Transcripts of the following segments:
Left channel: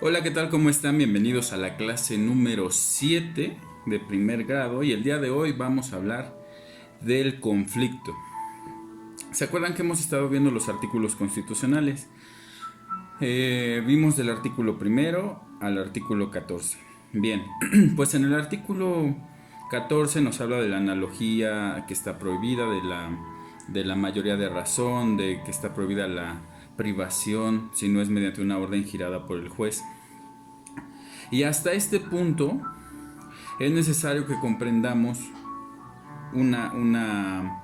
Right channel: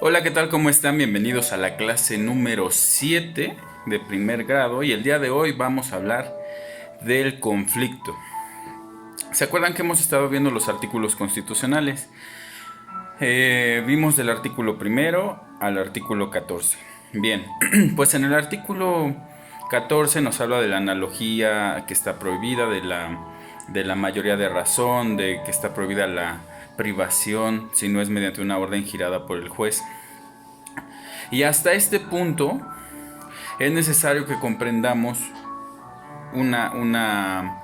Hola, ¿qué tal? ¿Cómo están? Bienvenidos a la clase número 7 de primer grado y el día de hoy vamos a hablar del conflicto. ¿Se acuerdan que hemos estado viendo los artículos constitucionales? Vimos del artículo primero al artículo 14. Bien, pues en el artículo 14 nos habla de la analogía que está prohibida, de la mayoría de razón, de que está prohibida la privación si no es mediante una orden girada por el juez. Y hasta este punto es necesario que comprendamos una, una,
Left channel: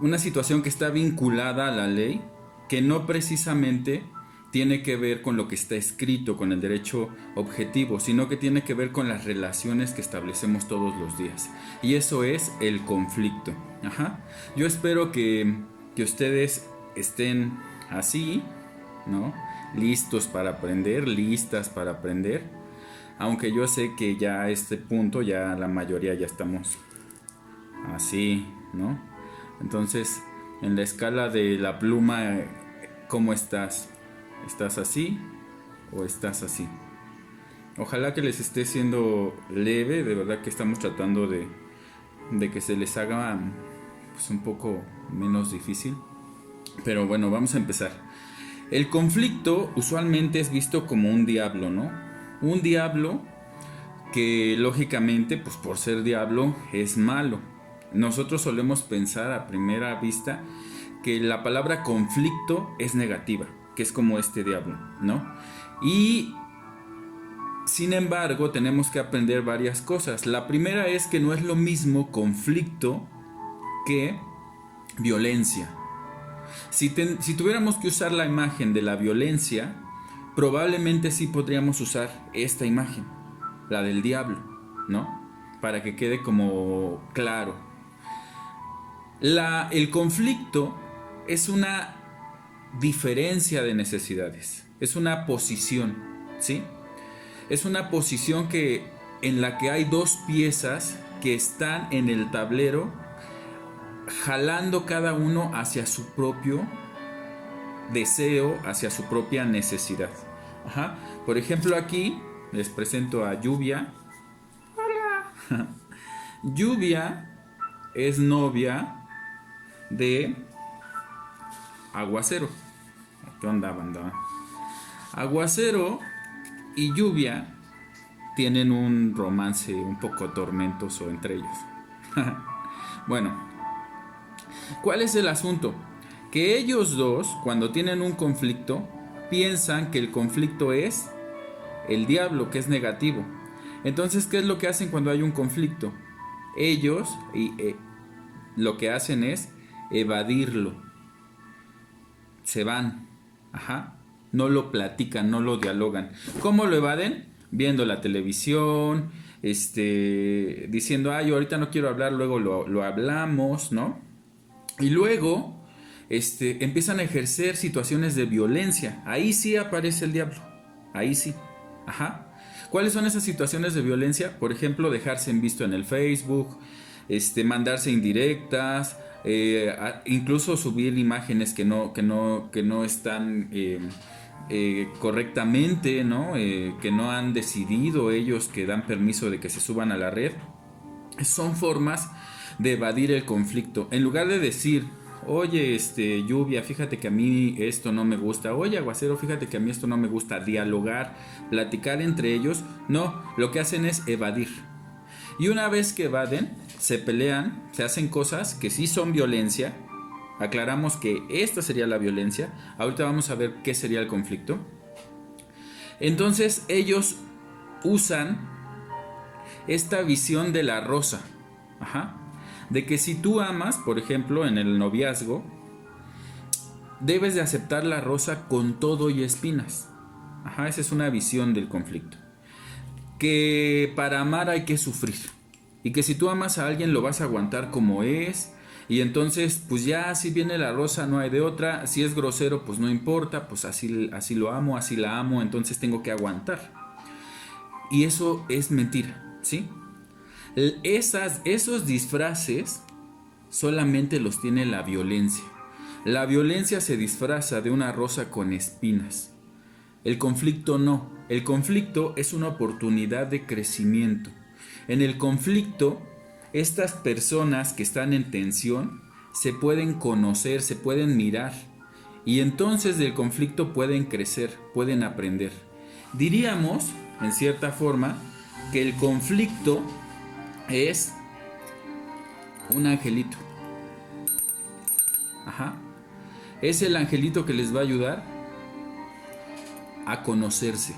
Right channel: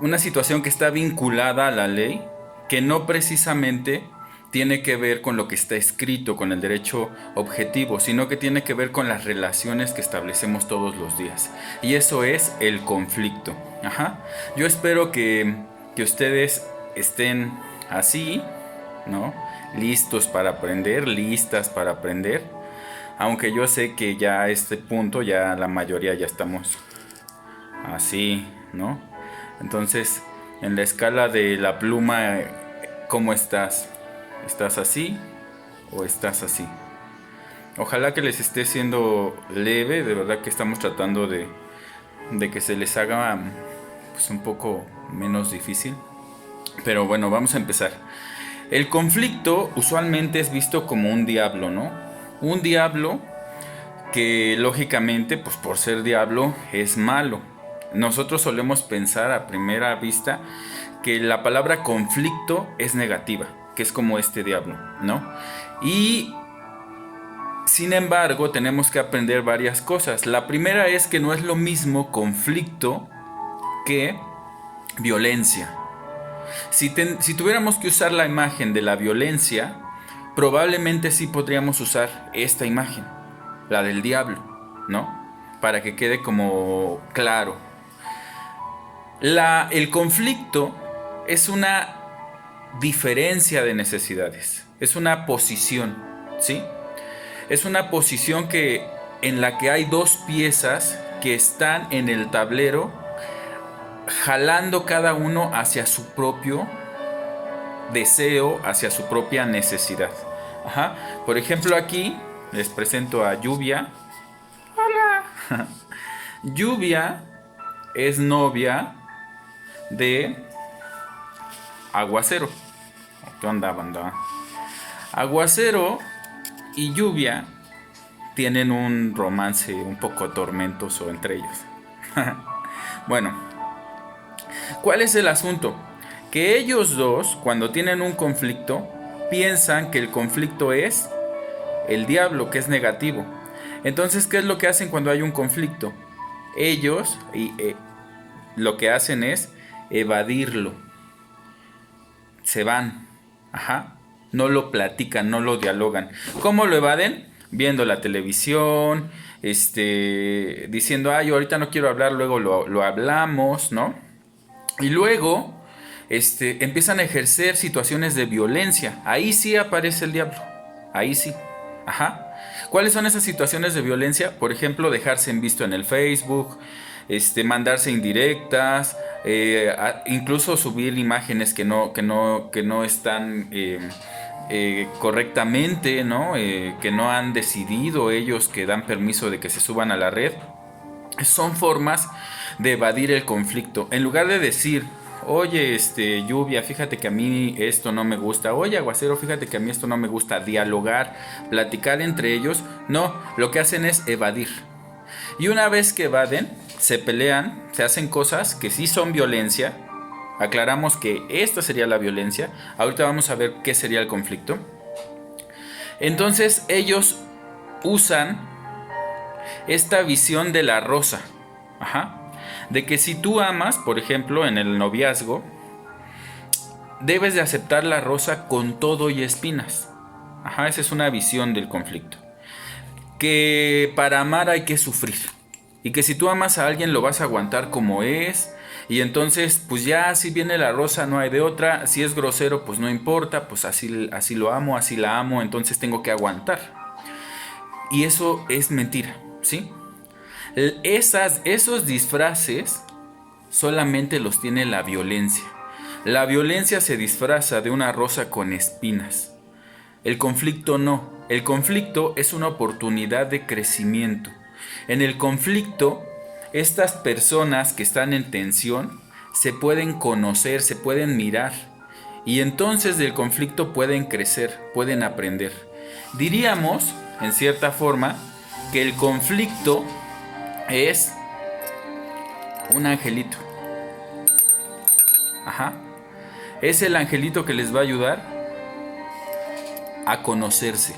una situación que está vinculada a la ley, que no precisamente tiene que ver con lo que está escrito, con el derecho objetivo, sino que tiene que ver con las relaciones que establecemos todos los días. Y eso es el conflicto. Ajá. Yo espero que ustedes estén así, ¿no? Listos para aprender, listas para aprender. Aunque yo sé que ya a este punto ya la mayoría ya estamos así, ¿no? Entonces, en la escala de la pluma, ¿cómo estás? ¿Estás así o estás así? Ojalá que les esté siendo leve, de verdad que estamos tratando de que se les haga pues un poco menos difícil. Pero bueno, vamos a empezar. El conflicto usualmente es visto como un diablo, ¿no? Un diablo que lógicamente, pues por ser diablo, es malo. Nosotros solemos pensar a primera vista que la palabra conflicto es negativa, que es como este diablo, ¿no? Y sin embargo, tenemos que aprender varias cosas. La primera es que no es lo mismo conflicto que violencia. Si tuviéramos que usar la imagen de la violencia, probablemente sí podríamos usar esta imagen, la del diablo, ¿no? Para que quede como claro. El conflicto es una diferencia de necesidades, es una posición, ¿sí? Es una posición en la que hay dos piezas que están en el tablero jalando cada uno hacia su propio deseo, hacia su propia necesidad. Ajá. Por ejemplo, aquí les presento a Lluvia. Lluvia es novia de Aguacero. ¿Qué onda, banda? Aguacero y Lluvia tienen un romance un poco tormentoso entre ellos. Bueno, ¿cuál es el asunto? Que ellos dos, cuando tienen un conflicto, piensan que el conflicto es el diablo, que es negativo. Entonces, ¿qué es lo que hacen cuando hay un conflicto? Ellos lo que hacen es evadirlo. Se van. Ajá. No lo platican, no lo dialogan. ¿Cómo lo evaden? Viendo la televisión, diciendo, ay, ahorita no quiero hablar, luego lo hablamos, ¿no? Y luego, empiezan a ejercer situaciones de violencia. Ahí sí aparece el diablo. Ahí sí. Ajá. ¿Cuáles son esas situaciones de violencia? Por ejemplo, dejarse en visto en el Facebook, mandarse indirectas, incluso subir imágenes que no están correctamente, ¿no? Que no han decidido ellos que dan permiso de que se suban a la red. Son formas de evadir el conflicto. En lugar de decir, oye, Lluvia, fíjate que a mí esto no me gusta. Oye, Aguacero, fíjate que a mí esto no me gusta. Dialogar, platicar entre ellos. No, lo que hacen es evadir. Y una vez que evaden, se pelean, se hacen cosas que sí son violencia. Aclaramos que esta sería la violencia. Ahorita vamos a ver qué sería el conflicto. Entonces ellos usan esta visión de la rosa. Ajá. De que si tú amas, por ejemplo, en el noviazgo, debes de aceptar la rosa con todo y espinas. Ajá, esa es una visión del conflicto. Que para amar hay que sufrir. Y que si tú amas a alguien lo vas a aguantar como es. Y entonces, pues ya si viene la rosa no hay de otra. Si es grosero, pues no importa. Pues así lo amo, así la amo. Entonces tengo que aguantar. Y eso es mentira, ¿sí? Esos disfraces solamente los tiene la violencia. La violencia se disfraza de una rosa con espinas. El conflicto no. El conflicto es una oportunidad de crecimiento. En el conflicto, estas personas que están en tensión se pueden conocer, se pueden mirar. Y entonces del conflicto pueden crecer, pueden aprender. Diríamos, en cierta forma, que el conflicto es un angelito. Ajá. Es el angelito que les va a ayudar a conocerse.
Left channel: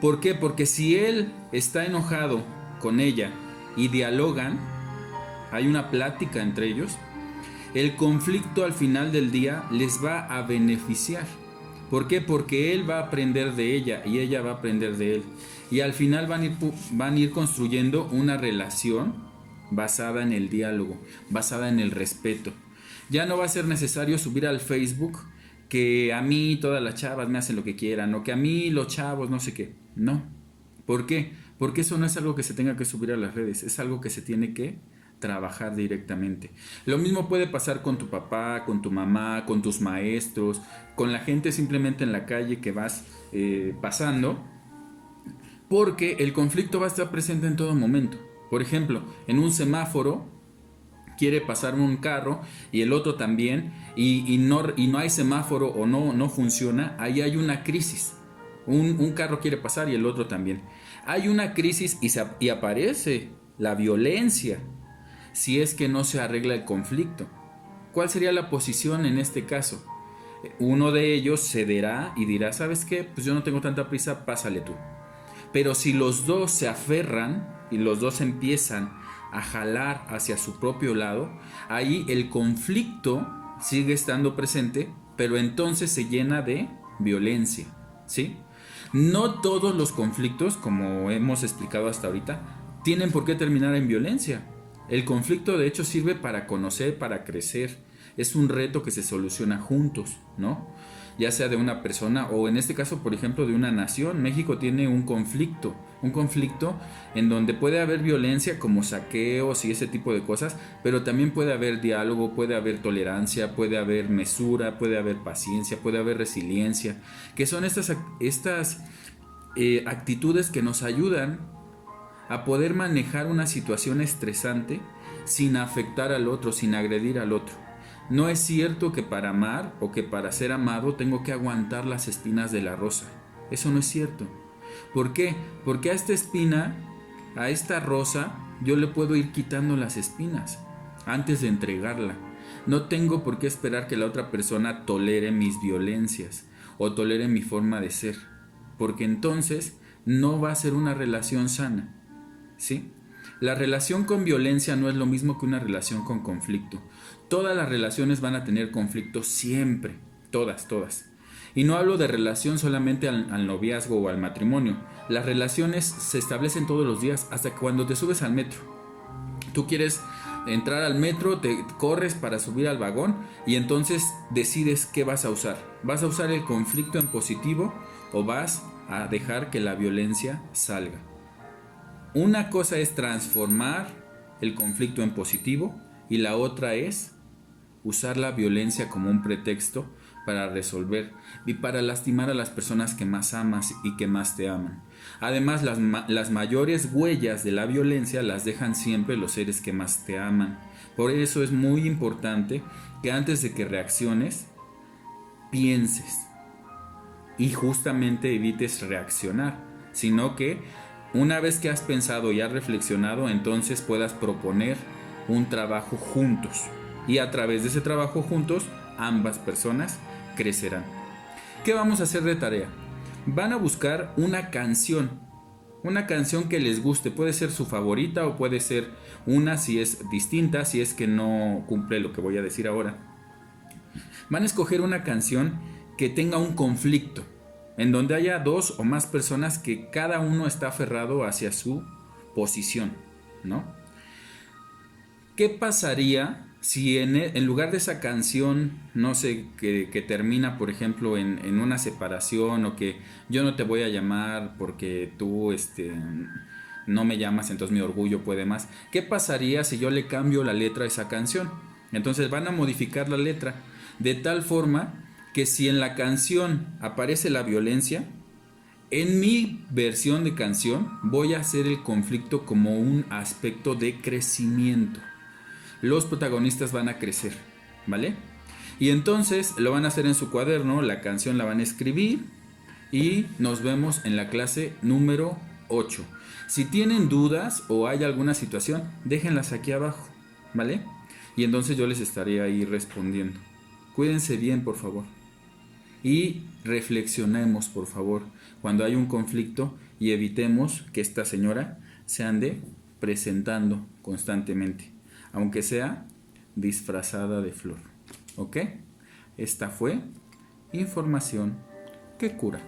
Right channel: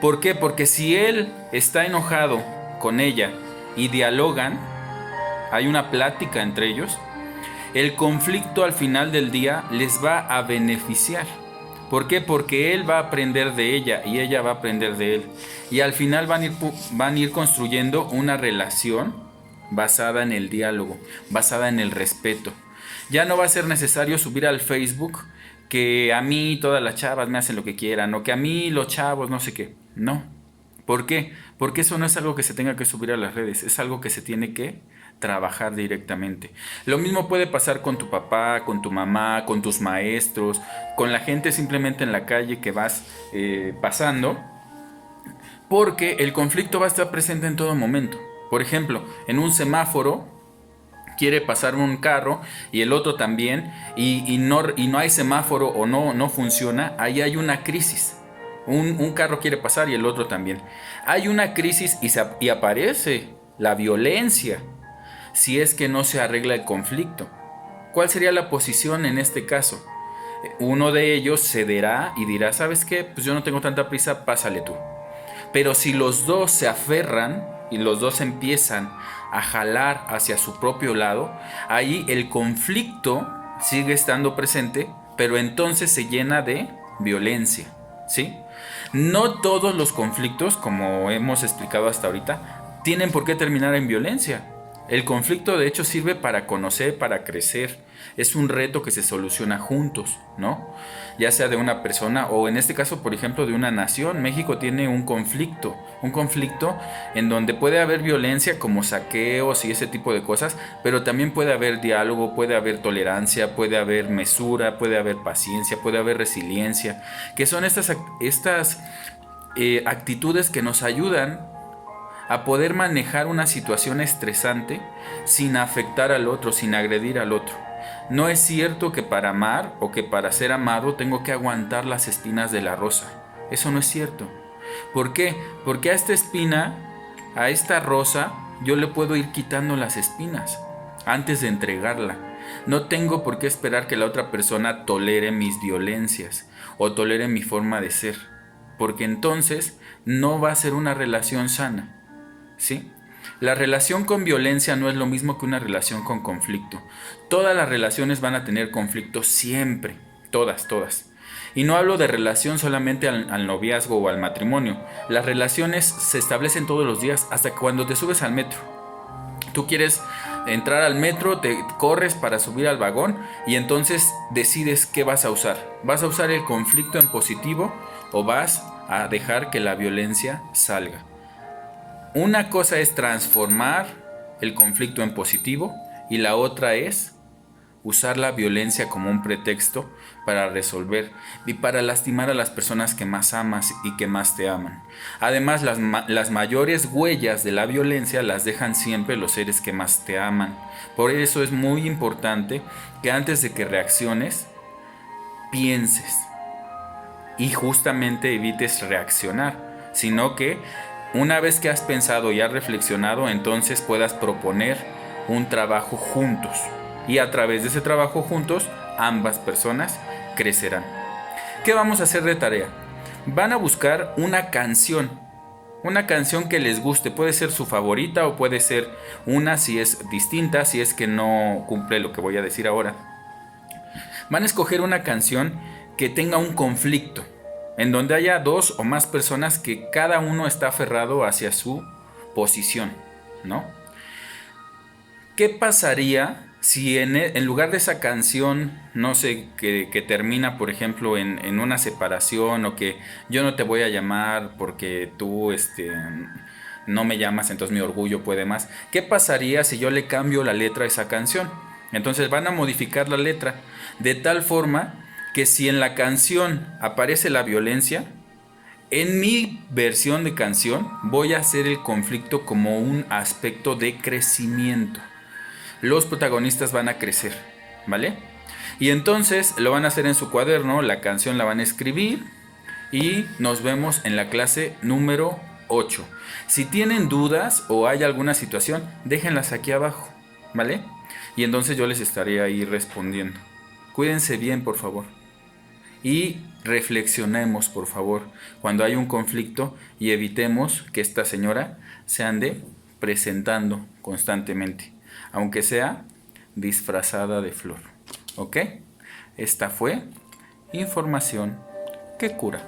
¿Por qué? Porque si él está enojado con ella y dialogan, hay una plática entre ellos, el conflicto al final del día les va a beneficiar. ¿Por qué? Porque él va a aprender de ella y ella va a aprender de él. Y al final van a ir construyendo una relación basada en el diálogo, basada en el respeto. Ya no va a ser necesario subir al Facebook que a mí todas las chavas me hacen lo que quieran o que a mí los chavos no sé qué. No. ¿Por qué? Porque eso no es algo que se tenga que subir a las redes, es algo que se tiene que trabajar directamente. Lo mismo puede pasar con tu papá, con tu mamá, con tus maestros, con la gente simplemente en la calle que vas pasando, porque el conflicto va a estar presente en todo momento. Por ejemplo, en un semáforo quiere pasar un carro y el otro también y no hay semáforo o no funciona, ahí hay una crisis. Un carro quiere pasar y el otro también. Hay una crisis y aparece la violencia si es que no se arregla el conflicto. ¿Cuál sería la posición en este caso? Uno de ellos cederá y dirá, ¿sabes qué? Pues yo no tengo tanta prisa, pásale tú. Pero si los dos se aferran y los dos empiezan a jalar hacia su propio lado, ahí el conflicto sigue estando presente, pero entonces se llena de violencia, ¿sí? No todos los conflictos, como hemos explicado hasta ahorita, tienen por qué terminar en violencia. El conflicto de hecho sirve para conocer, para crecer. Es un reto que se soluciona juntos, ¿no? Ya sea de una persona o en este caso, por ejemplo, de una nación. México tiene un conflicto en donde puede haber violencia como saqueos y ese tipo de cosas, pero también puede haber diálogo, puede haber tolerancia, puede haber mesura, puede haber paciencia, puede haber resiliencia, que son estas actitudes que nos ayudan a poder manejar una situación estresante sin afectar al otro, sin agredir al otro. No es cierto que para amar o que para ser amado tengo que aguantar las espinas de la rosa. Eso no es cierto. ¿Por qué? Porque a esta espina, a esta rosa, yo le puedo ir quitando las espinas antes de entregarla. No tengo por qué esperar que la otra persona tolere mis violencias o tolere mi forma de ser, porque entonces no va a ser una relación sana. ¿Sí? La relación con violencia no es lo mismo que una relación con conflicto. Todas las relaciones van a tener conflicto siempre, todas. Y no hablo de relación solamente al noviazgo o al matrimonio. Las relaciones se establecen todos los días, hasta cuando te subes al metro. Tú quieres entrar al metro, te corres para subir al vagón y entonces decides qué vas a usar. ¿Vas a usar el conflicto en positivo o vas a dejar que la violencia salga? Una cosa es transformar el conflicto en positivo y la otra es usar la violencia como un pretexto para resolver y para lastimar a las personas que más amas y que más te aman. Además, las mayores huellas de la violencia las dejan siempre los seres que más te aman. Por eso es muy importante que antes de que reacciones, pienses y justamente evites reaccionar, sino que una vez que has pensado y has reflexionado, entonces puedas proponer un trabajo juntos. Y a través de ese trabajo juntos, ambas personas crecerán. ¿Qué vamos a hacer de tarea? Van a buscar una canción que les guste. Puede ser su favorita o puede ser una si es distinta, si es que no cumple lo que voy a decir ahora. Van a escoger una canción que tenga un conflicto, en donde haya dos o más personas que cada uno está aferrado hacia su posición, ¿no? ¿Qué pasaría si en lugar de esa canción, no sé, que termina, por ejemplo, en una separación o que yo no te voy a llamar porque tú no me llamas, entonces mi orgullo puede más? ¿Qué pasaría si yo le cambio la letra a esa canción? Entonces van a modificar la letra de tal forma que si en la canción aparece la violencia, en mi versión de canción voy a hacer el conflicto como un aspecto de crecimiento. Los protagonistas van a crecer, ¿vale? Y entonces lo van a hacer en su cuaderno, la canción la van a escribir y nos vemos en la clase número 8. Si tienen dudas o hay alguna situación, déjenlas aquí abajo, ¿vale? Y entonces yo les estaré ahí respondiendo. Cuídense bien, por favor. Y reflexionemos, por favor, cuando hay un conflicto y evitemos que esta señora se ande presentando constantemente, aunque sea disfrazada de flor. ¿Ok? Esta fue información que cura.